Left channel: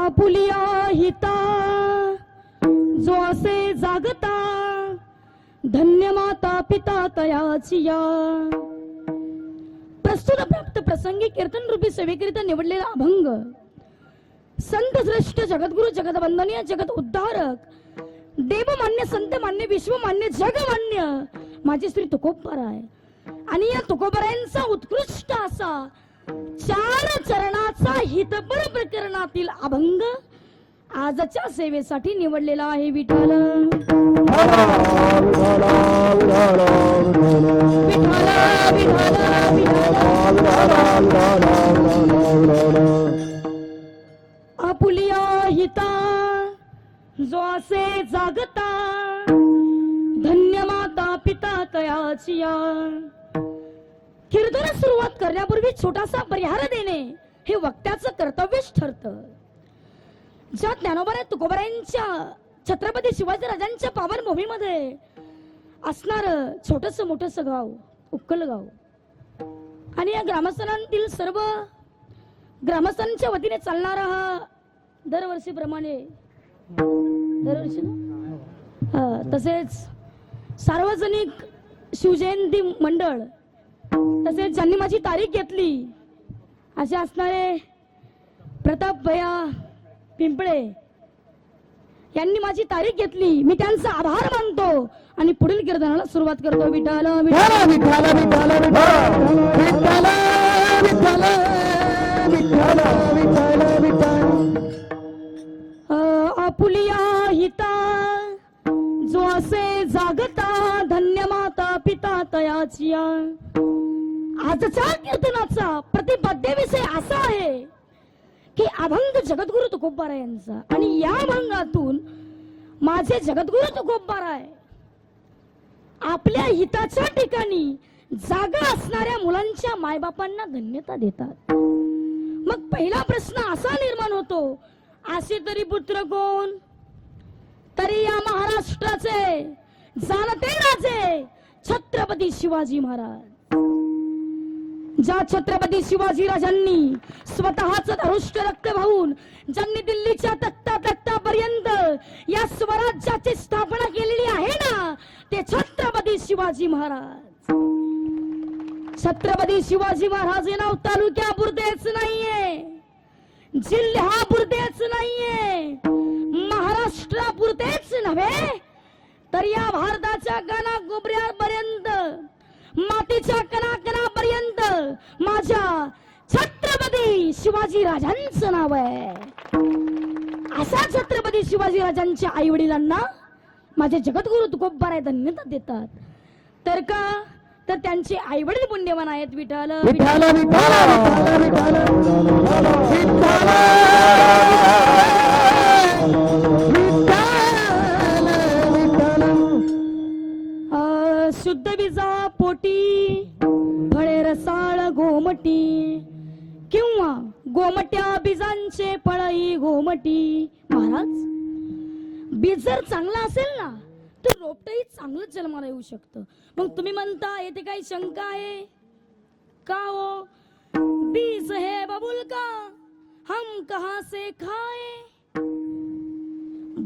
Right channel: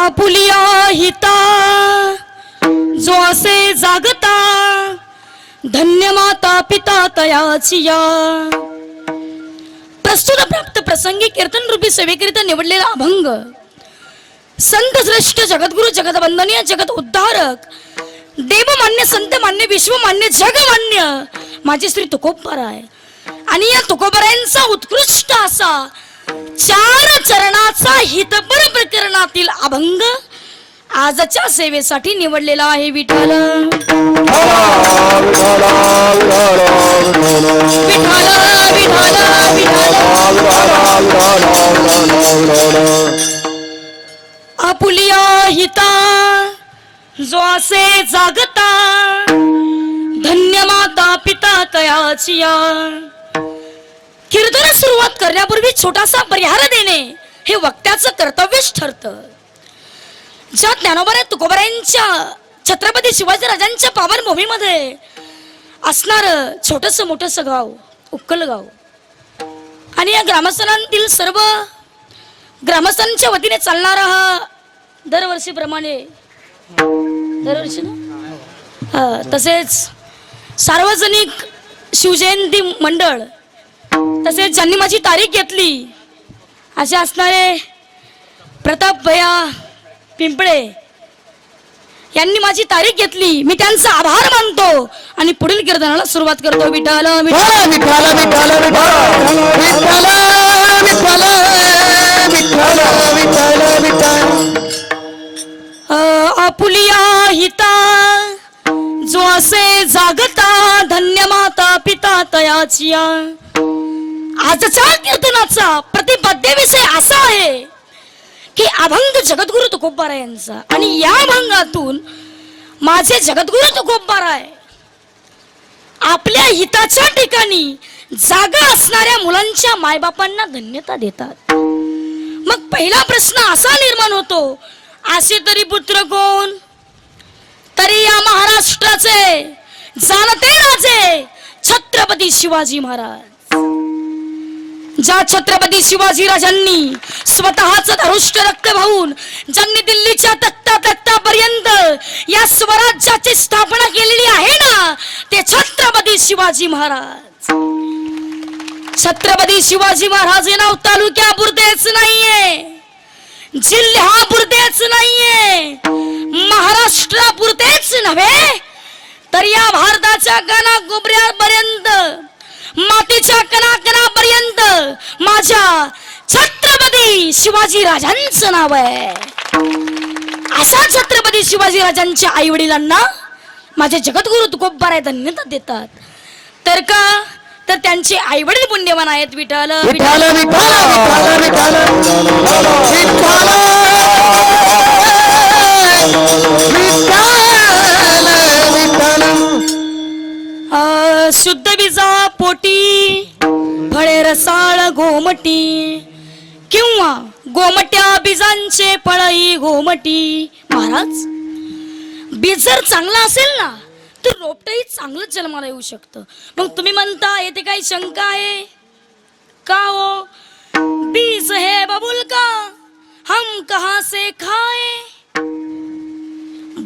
Apulia हिता जो असे जागता धन्य माता पिता तयाचिया प्रस्तुत प्राप्त प्रसंगी कीर्तन रूपी सेवेकरिता निवडलेला अभंग संत श्रेष्ठ जगद्गुरु जगदवंदनीय जगत उद्धारक देवमान्य संत मान्य विश्वमान्य जगमान्य माझी श्री तुकोबार आहे आणि या तुकोबरायांचा उत्कृष्ट असा चार चरणाचा हितपर प्रकरणातील अभंग आजच्या सेवेसाठी निवडलेला आहे विठाल आपुलिया हिता जो असे जागता धन्य माता पिता तयाचिया कीर्तन सुरुवात करण्यापूर्वी छोटासा परिहार देणे हे वक्त्याचं कर्तव्यच ठरतं. ज्या ज्ञानोबा तुकोबऱ्यांच्या छत्रपती शिवाजी राजांच्या पावन भूमीमध्ये असणार छोटस मोठस गाव उक्कल गाव. आणि या ग्रामस्थांतील सर्व ग्रामस्थांच्या वतीने चालणारा हा दरवर्षीप्रमाणे दरवर्षी ना? तसेच सार्वजनिक शिवजयंती मंडळ तसेच ज्यांनी माझी तारीख घेतली असे असणारे प्रताप भया पिंपळे यांनी माझी तारीख घेतली. मी त्यांचा आभार मानतो आणि पुढील कीर्तनाला सुरुवात करतो. विठाल विठाल विठ्ठल. विठ्ठल विठ्ठल विठ्ठल विठ्ठल विठ्ठल. अ, आपुलिया हिता जो असे जागता हृदयाची आजचा कीर्तनाचा प्रतिपद्य विषय असा आहे की अभंग जगद्गुरु तुकोबारा यांचा. आणि या अभंगातून माझे जगद्गुरु तुकोबारा आहे आपल्या हिताच्या ठिकाणी जागा असणाऱ्या मुलांच्या मायबापांना धन्यता देतात. मग पहिला प्रश्न असा निर्माण होतो असे तरी पुत्र कोण? तरी या महाराष्ट्राचे जाणते राजे छत्रपती शिवाजी महाराज. ज्या छत्रपती शिवाजी राजांनी स्वतःच धरुष्ट रक्त भाऊन ज्यांनी दिल्लीच्या तख्ता तख्तापर्यंत या स्वराज्याची स्थापना केलेली आहे ना ते छत्रपती शिवाजी महाराज. छत्रपती शिवाजी महाराज हे नाव तालुक्यापुरतेच नाहीये. जिल्ह्यापुरतेच नाहीये. महाराष्ट्रापुरतेच नव्हे. तर या भारताच्या गाना गोबऱ्या मातीच्या कणाकणापर्यंत माझ्या छत्रपती शिवाजी राजांचं नाव आहे. असा छत्रपती शिवाजी राजांच्या आई वडिलांना माझे जगद्गुरु तुकोबाराय धन्यता देतात. तर का? तर त्यांचे आई वडील पुण्यवान आहेत विठाल विठ्ठल विठ्ठल विठ्ठल आ, शुद्ध विजा पोटी फळे रसाळ गोमटी किंवा गोमट्या बीजांचे फळई गोमटी. महाराज बीज जर चांगला असेल ना तर रोपटही चांगलंच जन्माला येऊ शकतं. मग तुम्ही म्हणता येते काही शंका आहे? का हो? बीज हे बबुल का? हम कहा से खाए?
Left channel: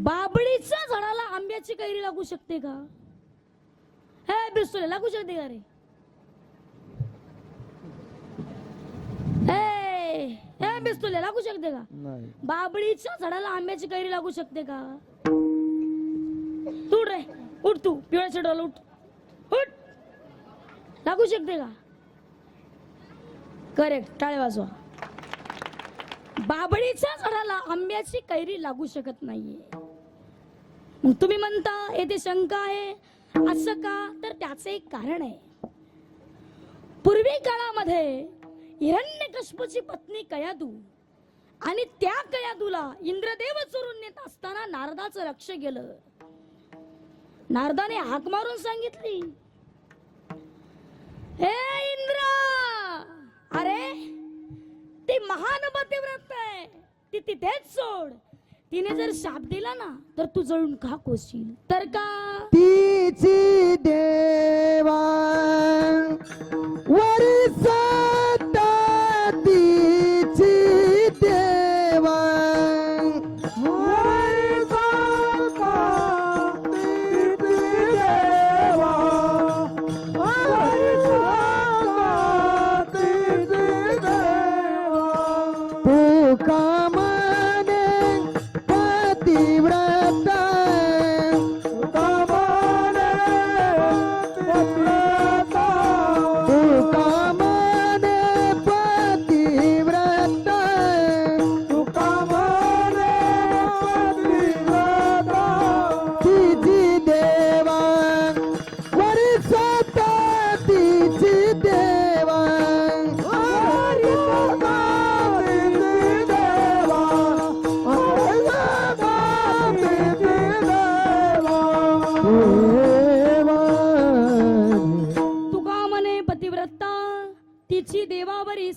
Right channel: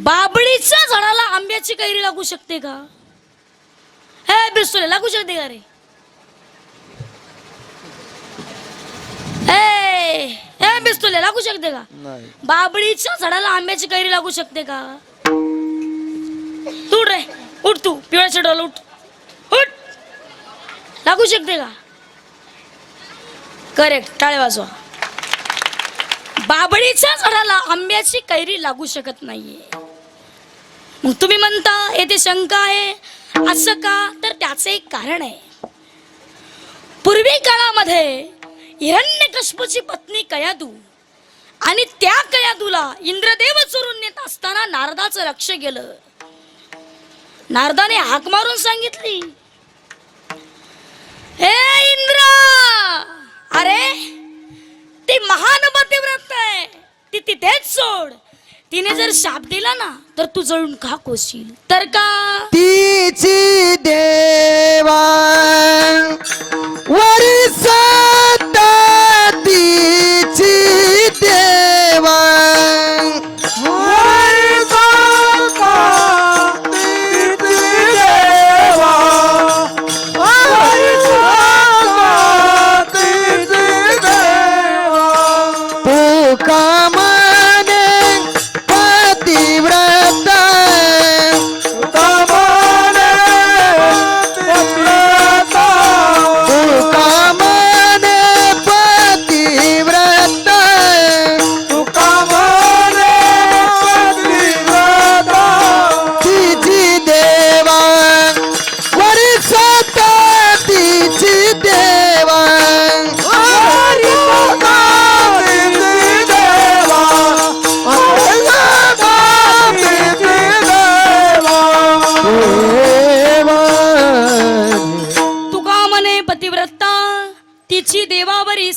बाबळीच्या झाडाला आंब्याची कैरी लागू शकते का? बिस्तुले लागू शकते का रे? ए, ए बिस्तुले लागू शकते का? नाही. बाबळीच्या झाडाला आंब्याची कैरी लागू शकते का? तू उठ रे उठ तू पिवळ्या चढवला उठ. उठ. लागू शकते का? करेक्ट टाळे वाजवा. बाबळीच्या झाडाला आंब्याची कैरी लागू शकत नाहीये. मग तुम्ही म्हणता येथे शंका आहे. असं का? तर त्याचं एक कारण आहे. पूर्वी काळामध्ये हिरण्यकश्यपूची पत्नी कयादू आणि त्या कयादूला इंद्रदेव चोरून नेत असताना नारदाचं लक्ष गेलं. नारदाने हाक मारून सांगितली हे इंद्र! अरे ती महान पतिव्रत आहे. ती तिथेच सोड. तिने जर शाप दिला ना तर तू जळून का कोशील तर का? तिची देवा वरी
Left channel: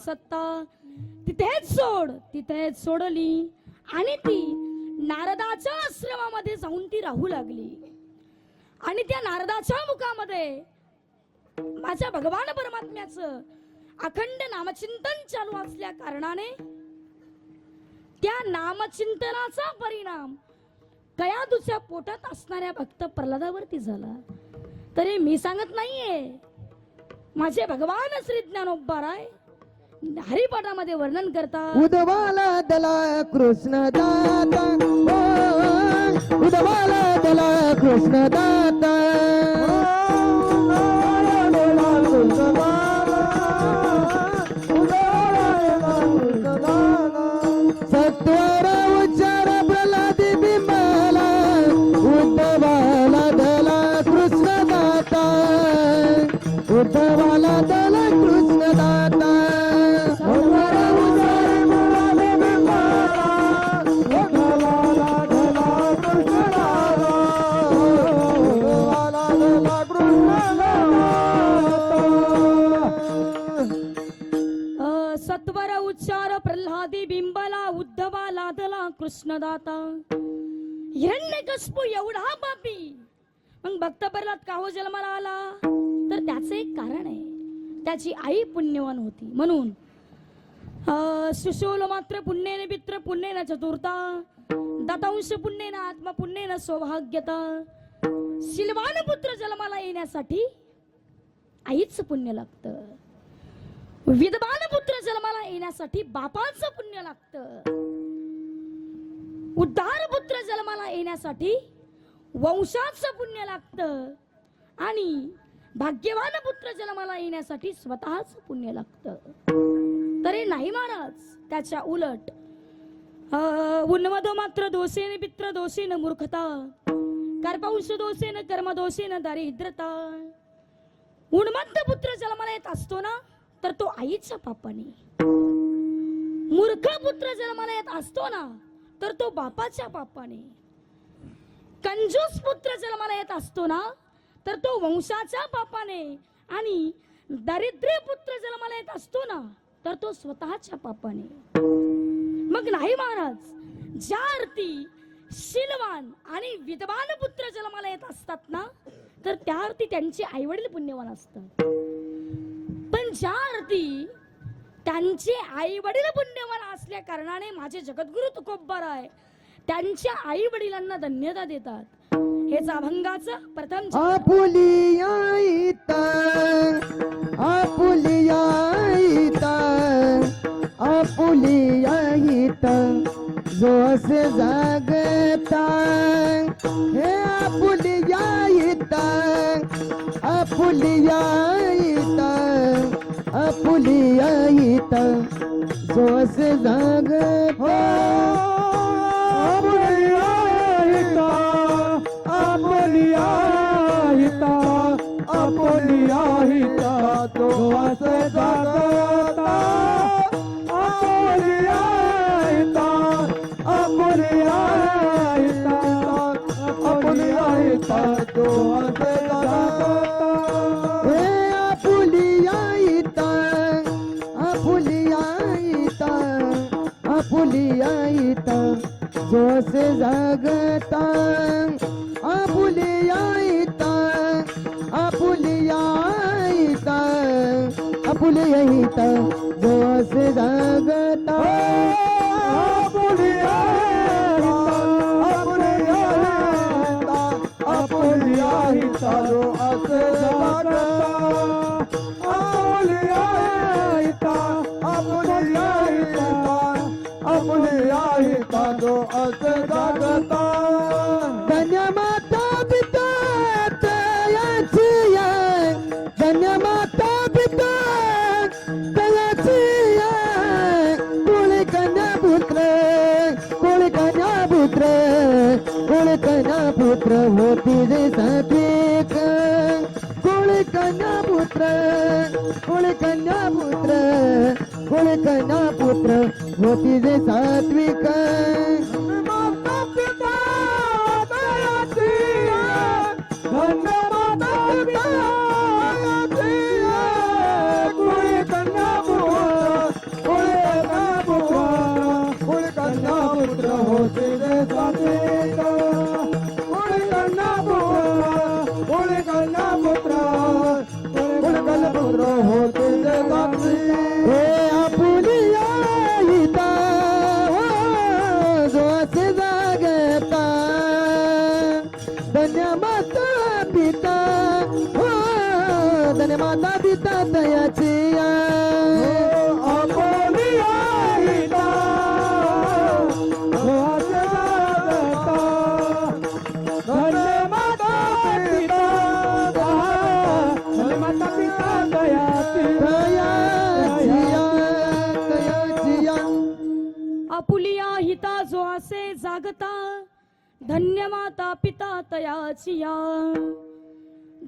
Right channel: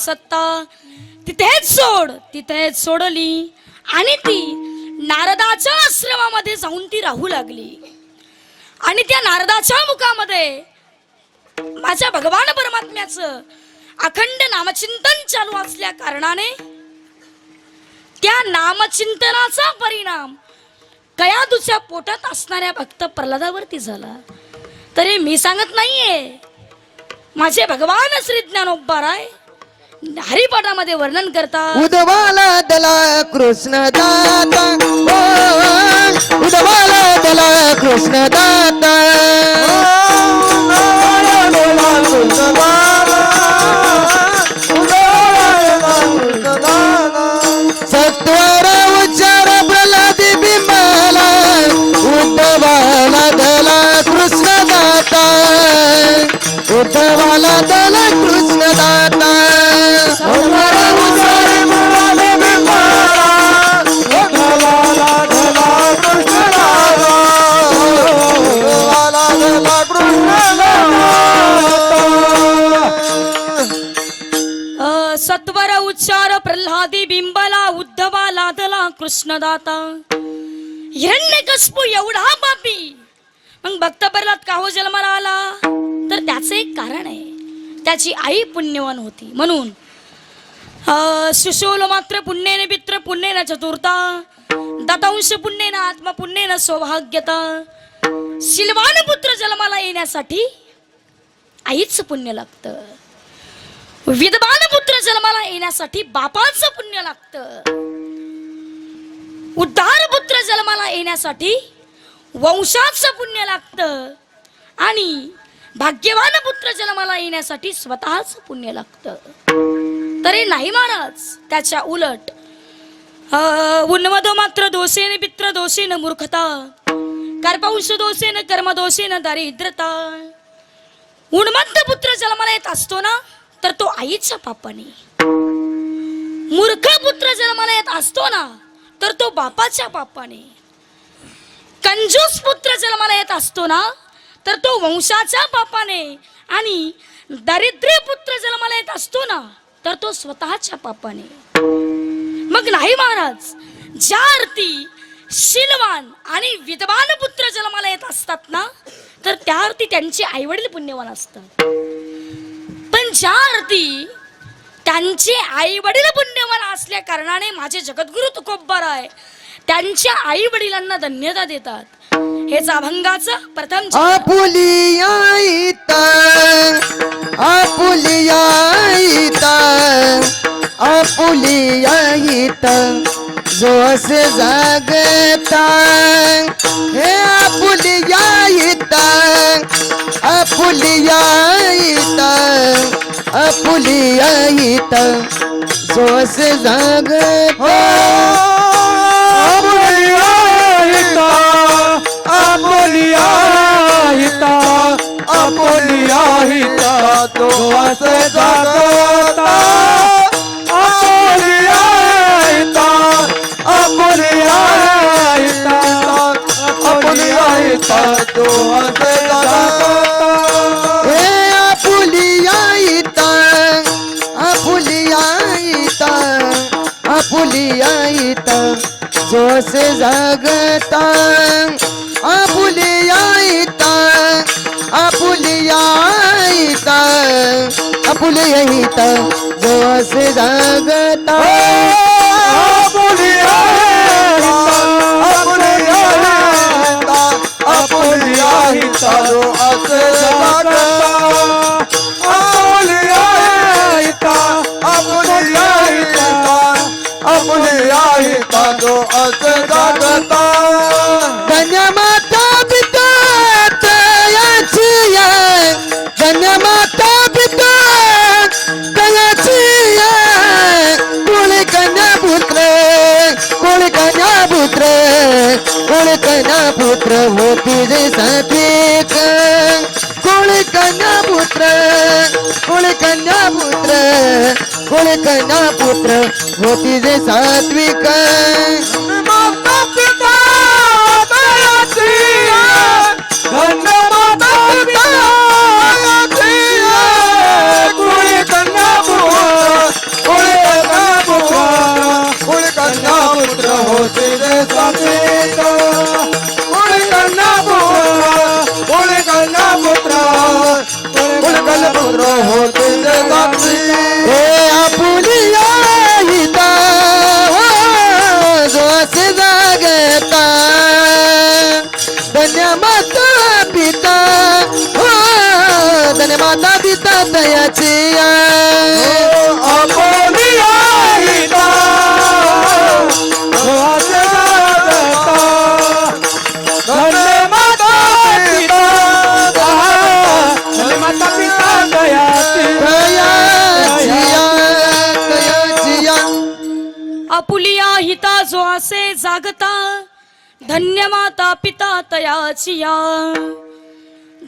सत्ता. तिथेच सोड तिथेच सोडली. आणि ती नारदाच्या आश्रमामध्ये जाऊन ती राहू लागली. आणि त्या नारदाच्या मुखामध्ये माझ्या भगवान परमात्म्याचं अखंड नामचिंतन चालू असल्या कारणाने त्या नामचिंतनाचा परिणाम कयादूच्या पोटात असणाऱ्या भक्त प्रल्हादावरती झाला. तरी मी सांगत नाहीये माझे भगवान श्री ज्ञानोबाराय हरिपाठामध्ये वर्णन करतात उदवाला दला कृष्ण दाता ओ, उदवाला दला कृष्ण दाता कृष्णदाता. हिरण्यकस्पू एवढा पापी. मग भक्त प्रल्हाद का हो जन्माला? आला तर त्याचं एक कारण आहे. त्याची आई पुण्यवान होती. म्हणून सुशोल मात्र पुण्येने मित्र पुण्येन चतुर्था. दतांश पुण्येन आत्मा पुण्येन सौभाग्यता. शिलवान पुत्र जन्माला येण्यासाठी आईच पुण्य लागतं. विद्वान पुत्र जन्माला येण्यासाठी बापाचं पुण्य लागतं. उद्धार पुत्र जन्माला येण्यासाठी वंशाचं पुण्य लागतं आणि भाग्यवान पुत्र जन्माला येण्यासाठी स्वतःच पुण्य लागतं. तरी नाही महाराज त्याच्या उलट उन्मद मात्र दोषेन पित्र दोषेन मूर्खता कर्पंश दोषेन कर्मदोषेन दारिद्रता. उन्मत्त पुत्र जन्माला येत असतो ना तर तो आईच्या पापाने मूर्ख पुत्र जन्माला येत असतो ना तर तो बापाच्या पापाने कंजूस पुत्र जन्माला येत असतो ना तर तो वंशाच्या पापाने आणि दारिद्र्य पुत्र जन्माला येत असतो ना तर तो स्वतःच्या पापाने मग नाही महाराज ज्या अर्थी शिलवान आणि विद्वान पुत्र जन्माला येत असतात ना तर त्या अर्थी त्यांचे आईवडील पुण्यवान असतात. पण ज्या अर्थी त्यांचे आई वडील पुण्यवान असल्या कारणाने माझे जगद्गुरु तुकोब्बर आहे. त्यांच्या आई वडिलांना धन्यता देतात. हेच अभंगाचं प्रथम आपुली आईता आपुली आईता आपुली आईता जो असे जागता हे आपुली आईता आपुली आईता आपुलिया इता जो जाग हो. जोसे जागता आपुलिया इता आपुलिया इता आपुलिया इता जोसे जागता कोळी पुत्र होती जे सात्विक. आहे. आपुलिया हिता जो असे जागता धन्य माता पिता तयाची या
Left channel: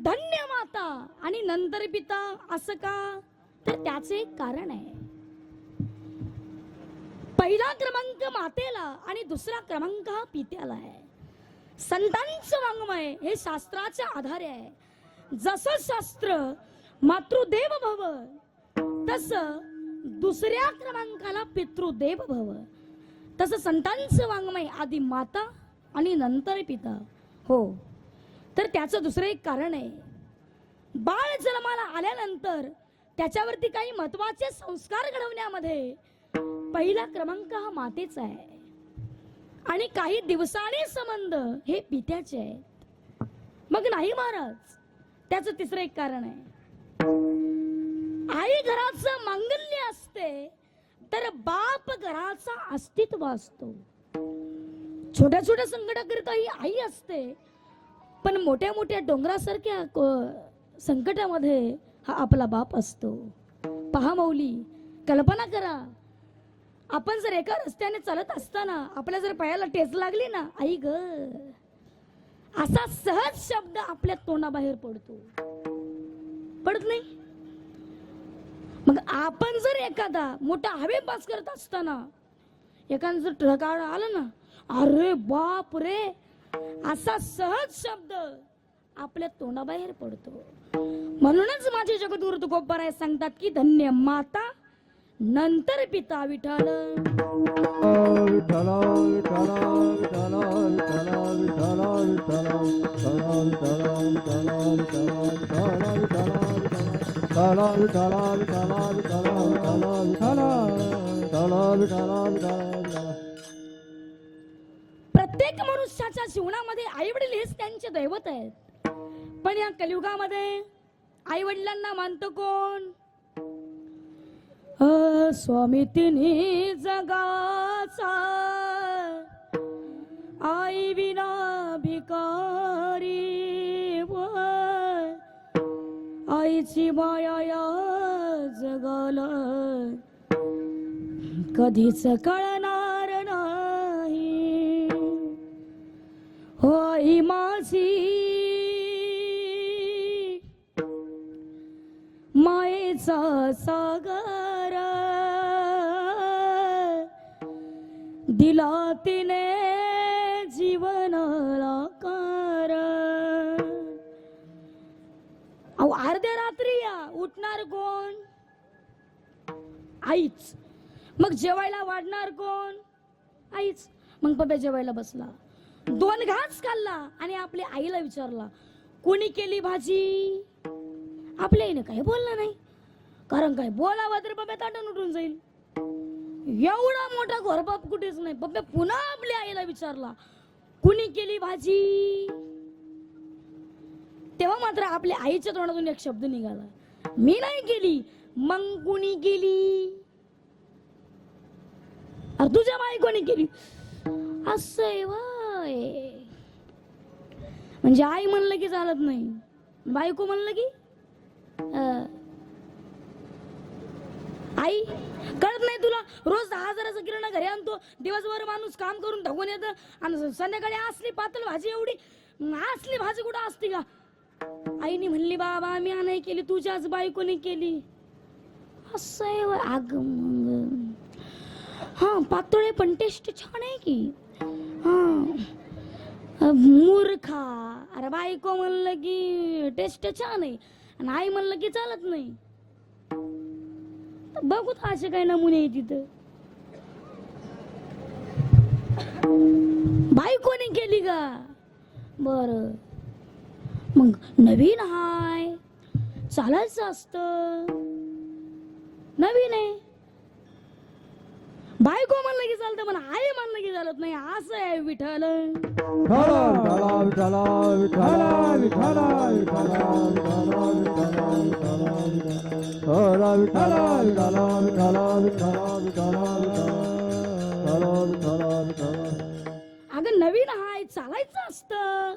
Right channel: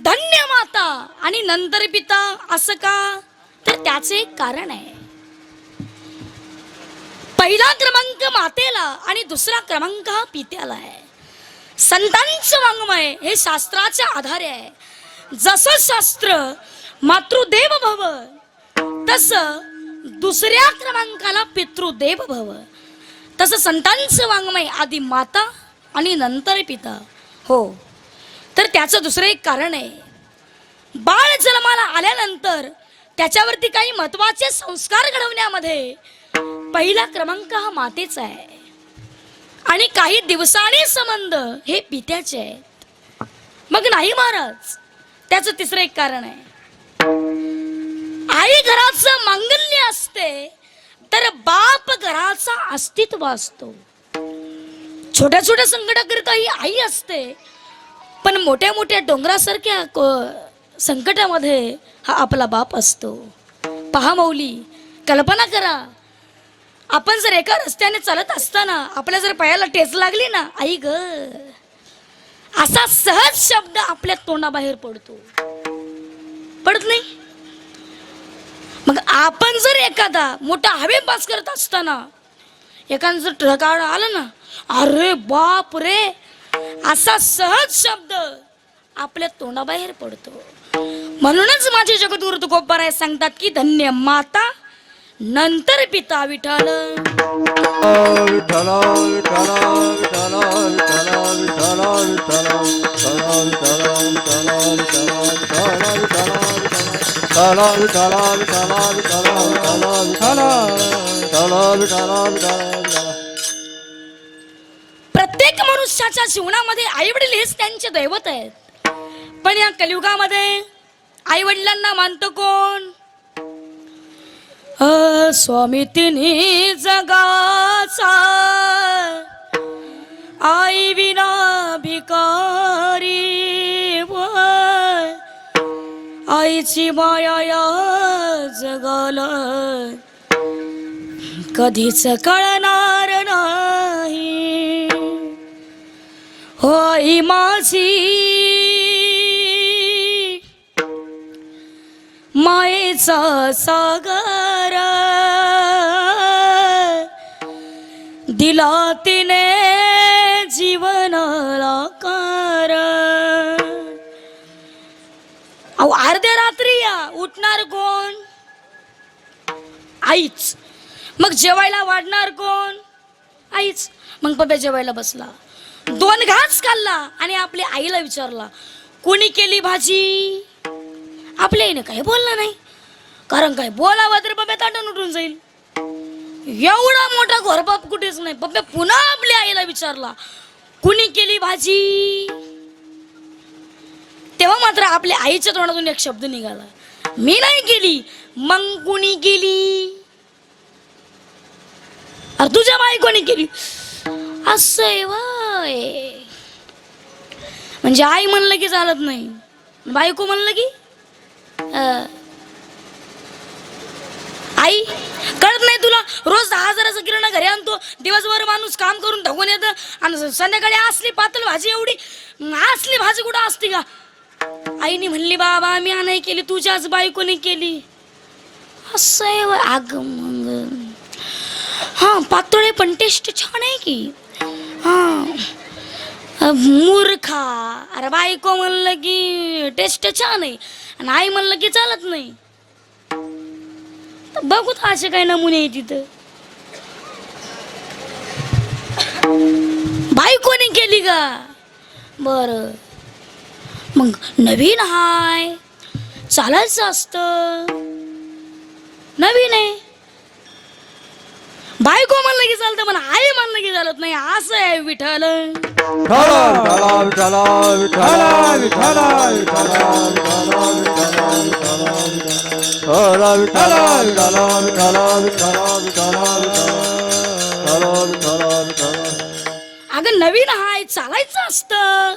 धन्य माता आणि नंतर पिता असं का? तर त्याचे एक कारण आहे. पहिला क्रमांक मातेला आणि दुसरा क्रमांक हा पित्याला आहे. संतांचं वाङ्मय हे शास्त्राच्या आधारे आहे. जसं शास्त्र मातृदेव भव तस दुसऱ्या क्रमांकाला पितृदेव भव. तसं संतांचं वाङ्मय आधी माता आणि नंतर पिता. हो. तर त्याचं दुसरं एक कारण आहे. बाळ जन्माला आल्यानंतर त्याच्यावरती काही महत्त्वाचे संस्कार घडवण्यामध्ये पहिला क्रमांक हा मातेचा आहे. आणि काही दिवसांनी संबंध हे पित्याचे आहेत. मग नाही महाराज त्याचं तिसरं एक कारण आहे. आई घराचं मांगल्य असते तर बाप घराचा अस्तित्व असतो. छोट्या छोट्या संकटाकरिता ही आई असते पण मोठ्या मोठ्या डोंगरासारख्या क- संकटामध्ये हा आपला बाप असतो. पहा मौली कल्पना करा. आपण जर एका रस्त्याने चालत असताना आपल्या जर पायाला टेच लागली ना आई ग. असा सहज शब्द आपल्या तोंडाबाहेर पडतो. पडत नाही? मग आपण जर एखादा मोठा हवे पास करत असताना एखादं जर ट्रक आला ना अरे बाप रे! असा सहज शब्द आपल्या तोंडाबाहेर पडतो म्हणूनच माझे जगदूर तुकोबाराय सांगतात की धन्य माता नंतर पिता विठाल विठ्ठला मनुष्याच्या जीवनामध्ये आई वडील हेच त्यांचे दैवत आहेत. पण या कलियुगामध्ये आई वडिलांना मानतो कोण? अ, स्वामी तिन्ही जगाचा. आई विना भिकारी आईची माया या जगाला कधीच कळणार आई माझी मायेचा सागर. दिला तिने जीवनाला कार अहो अर्ध्या रात्री या उठणार कोण? आईच. मग जेवायला वाढणार कोण? आईच. मग पप्या जेवायला बसला. दोन घास खाल्ला आणि आपल्या आईला विचारला कोणी केली भाजी? आपल्या आईने काही बोललं नाही. कारण काय बोलावं तर पप्या ताटण उठून जाईल. एवढा मोठा घोरबाप कुठेच नाही. पप्या पुन्हा आपल्या आईला विचारला कुणी केली भाजी? तेव्हा मात्र आपल्या आईच्या तोंडातून एक शब्द निघाला मी नाही केली मग कुणी केली? अरे तुझ्या बायकोनी केली? असं आहे म्हणजे आई म्हणलं की चालत नाही. बायको म्हणलं की? आई कळत नाही तुला? रोज दहा हजाराचं किराणा घरी आणतो दिवसभर माणूस काम करून धगून येतं आणि संध्याकाळी असली पातळ भाजी एवढी असली भाजी कुठं असते का? आईने म्हणली बाबा मी नाही केली तुझ्याच बायकोने केली. असं आहे अग अगं मग हा पातळे पण टेस्ट छान आहे की. मूर्खा. अरे बायको म्हणलं की टेस्ट छान आहे. आणि आई म्हणलं की चालत नाही. बघू तर असे काही नमुने आहे तिथं. बायकोने केली का? बर. मग नवीन हाय. चालायचं असतं. नवीन आहे. बायको म्हणलं की चालतं पण आई म्हणलं की चालत नाही. असं आहे विठ्ठल. अगं नवीन हाय चालायचं असतं.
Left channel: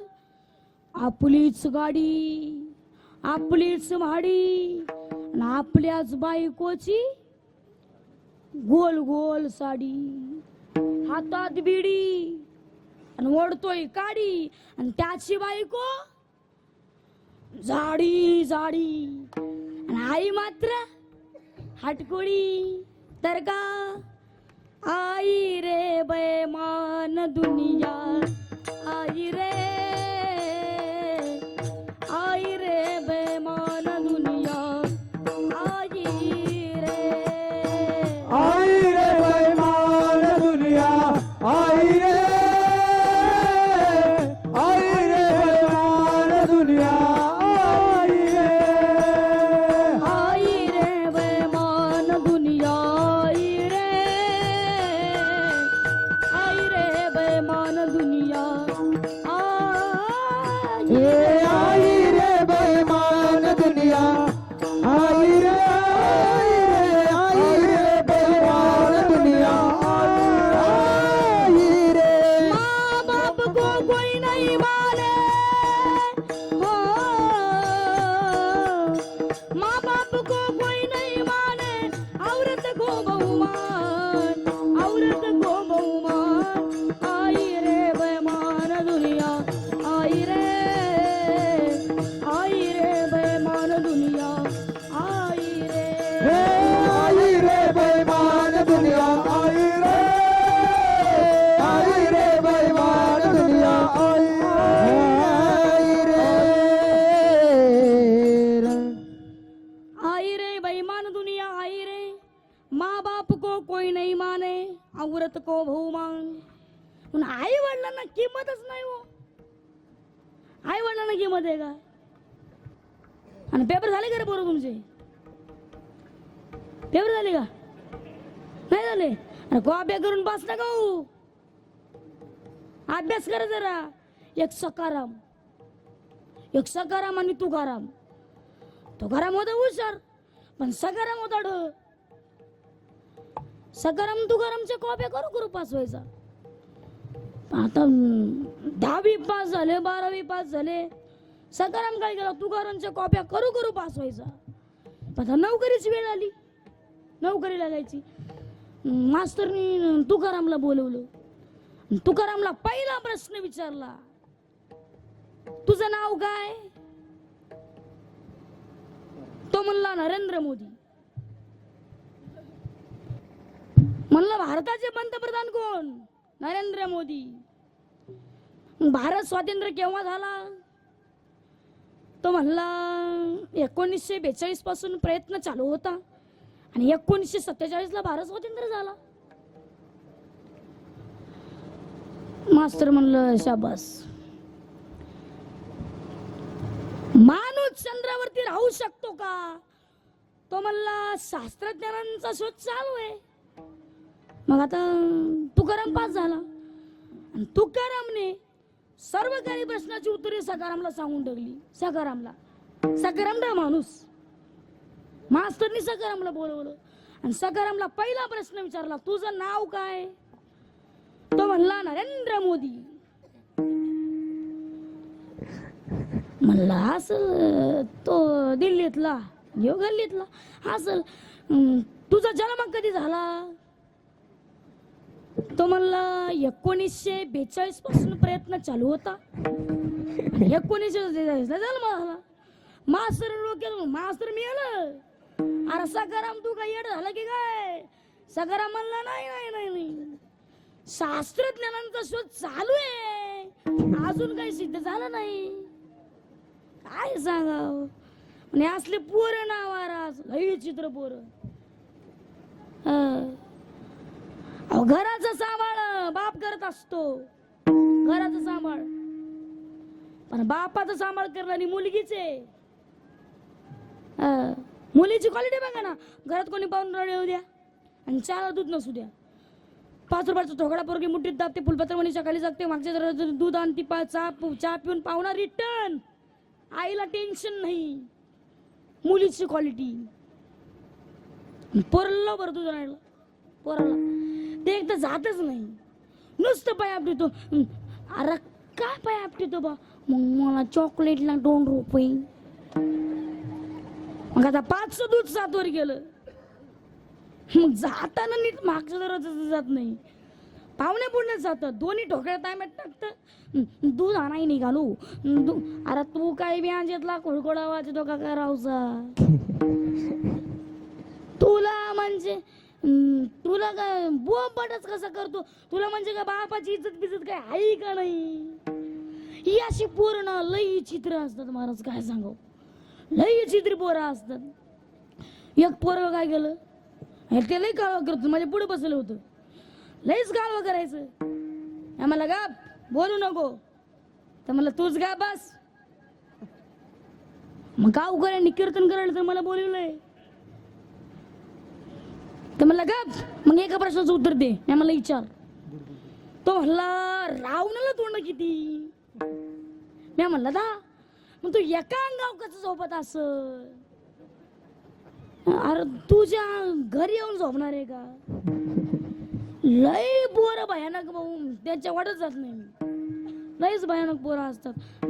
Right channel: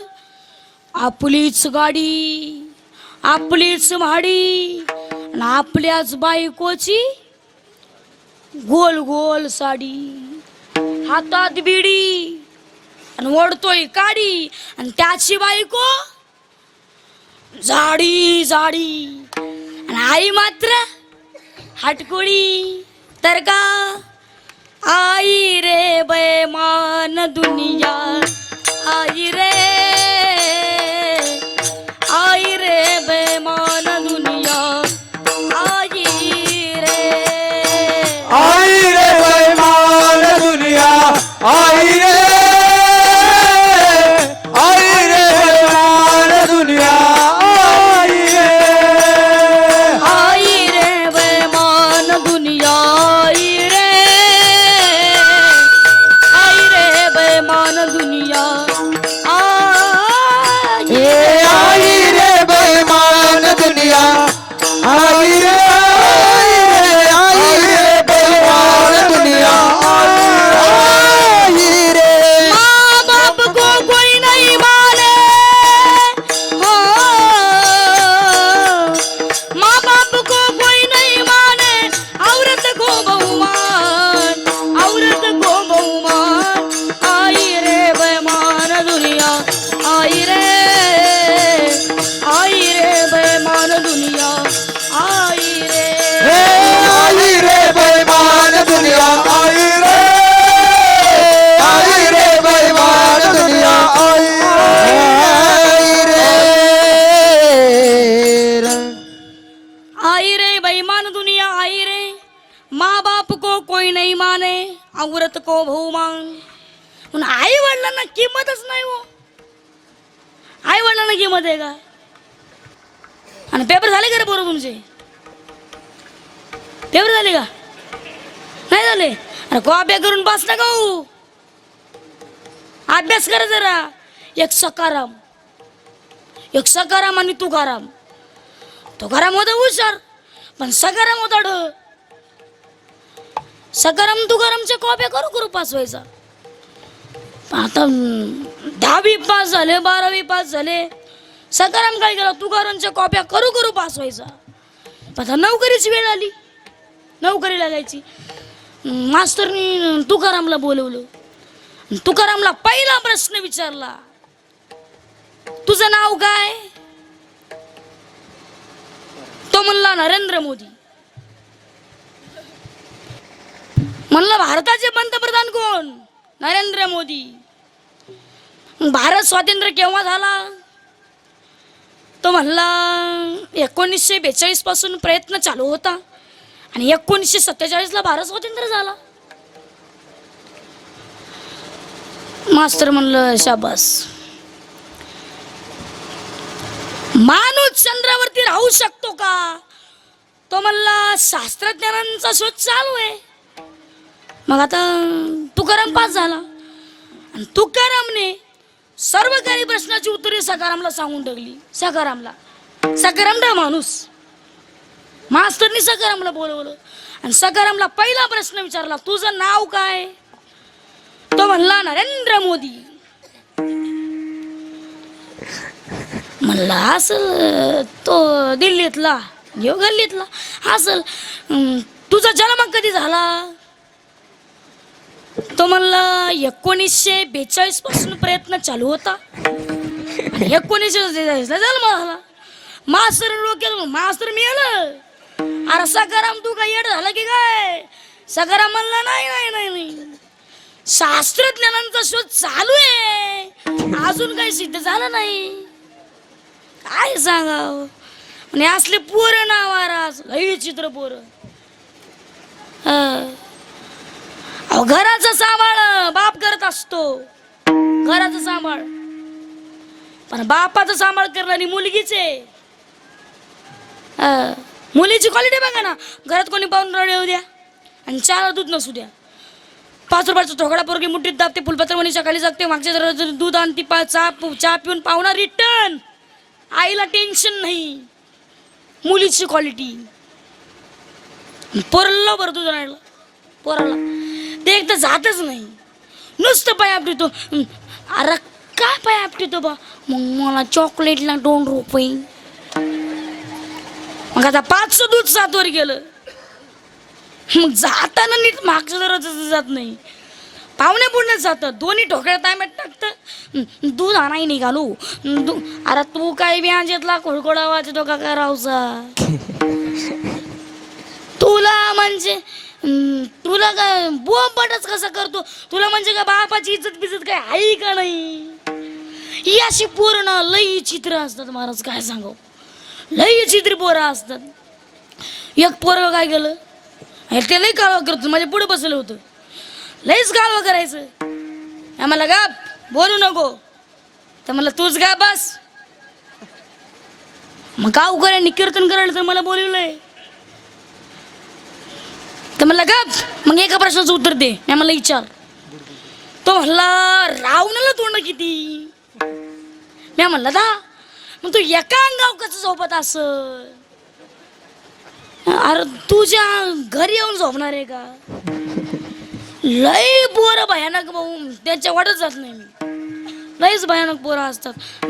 आपलीच गाडी आपलीच माडी आणि आपल्याच बायकोची गोल गोल साडी हातात बिडी आणि ओढतोय काडी आणि त्याची बायको जाडी जाडी. आणि आई मात्र हटकोळी तर का? आई रे बैमान दुनिया आई रे वडिलांना किंमतच नाही हो. आई वडिलांना किंमत आहे का? आणि पेपर झाले का रे बरोबर तुमचे? पेपर झाले का? नाही झाले? अरे कॉप्या करून पास ना हो अभ्यास करा जरा. एक सकाराम. एक सकाराम आणि तुकाराम. तुकाराम होता हुशार पण सकाराम होता ढ. सकाराम तुकारामच्या कॉप्या करू करू पास व्हायचा. आता दहावी पास झाले बारावी पास झाले. सकाराम काय केला? तुकारामच्या कॉप्या करू करू पास व्हायचा. पण आता नोकरीची वेळ आली. नोकरी लागायची मास्तरनी तुकारामला बोलवलं. तुकारामला पहिला प्रश्न विचारला. तुझं नाव काय? तो म्हणला नरेंद्र मोदी. म्हणलं भारताचे पंतप्रधान कोण? नरेंद्र मोदी. भारत स्वातंत्र्य केव्हा झाला? तो म्हणला एकोणीसशे बेचाळीसपासून प्रयत्न चालू होता आणि एकोणीसशे सत्तेचाळीसला भारत स्वातंत्र्य झाला. मास्तर म्हणलं शाबास. माणूस चंद्रावरती राहू शकतो का? तो म्हणला शास्त्रज्ञानांचा शोध चालू आहे. मग आता तुकाराम पास झाला. आणि तुकारामने सर्व काही प्रश्नाची उत्तरे सकारामला सांगून टाकली. सकारामला सकारामला माणूस. मास्तरनी सकारामला बोलवलं. आणि सकारामला पहिला प्रश्न विचारला तुझं नाव काय? तो म्हणला नरेंद्र मोदी. म्हणला असल तो दिल्लीतला यो गल्लीतला असल तुझा जन्म कधी झाला? तो म्हणला एकोणीसशे बेचाळीसपासून प्रयत्न चालू होता. एकोणीसशे बेचाळीसला जन्म झाला मास्तर डोक्यात मास्तर मिळालं अरे सकाराम तू काय येड झाला की काय? सकाराम म्हणला नाही नाही नाही नाही. शास्त्रज्ञानांचा शोध चालू आहे. अजून काही सिद्ध झालं नाही. काय सांगाव? म्हणजे असले पोर महाराज लई चित्र पोर. अहो घराचं सांभाळ बाप करत असतो. घराचं सांभाळ. पण बापाचं सांभाळ करणारी मुलगीच आहे. मुलीची क्वालिटी बघा ना. घरात कोणी पाहून रडे येऊ द्या. आणि चारा दूध नसू द्या. पाच रुपयाचा थोकडा पोरगी मुठीत दाबते फुलपत्र म्हणी सकाळी जागते मागच्या दूध आणते पा चहा चहा पिऊन पाहुणा रिटर्न आईला टेन्शन नाही. मुलीची क्वालिटी पोरला बरं दूध आणायला. पोराला. ते एक तर जातच नाही. नुसतं पाय आपटितो. अरे काय पाय आपटितो बा? मग मला चॉकलेटला दोन रुपये. मग आता पाचशे दूध सातवर गेलं. मग जाताना नीट मागचं जरा जात नाही. पाहुणे पुढे जातं दोन्ही ठोकळ्या तांब्यात टाकतं दूध आणाय निघालो. दू अरे तू काय व्याजेतला खोडकोडा वाजतो का करावचा तुला म्हणजे तुला काय बोंबटच कसा करतो? तुला म्हणजे का बापाची इज्जत बिजत काय आहे का नाही? ही अशी पूर्ण लई चित्र असतात महाराज काय सांगू? लई चित्र पोरं असतात. एक पोरं काय केलं? हे ते लई कालवा करतो माझ्या पुढे बसलं होतं. लईच कालवा करायचं. आम्हाला गा बोलू नको. तर मला तूच गा बस. मग का करायला कीर्तन करायला तर मला बोलवलंय. तर म्हणलं गप मग एका प्रश्नाचं उत्तर दे. मी मला विचार. तो म्हणला रावणाला तोंड किती? मी म्हणला दा मग तू एका अंगाव कसं झोपत अस अरे तुझ्या घरी येऊन झोपणार आहे का? लय पोरं भयानक भाऊ त्यांच्या वाटत जात नाही मी. लयच भयानक पोरं असतात.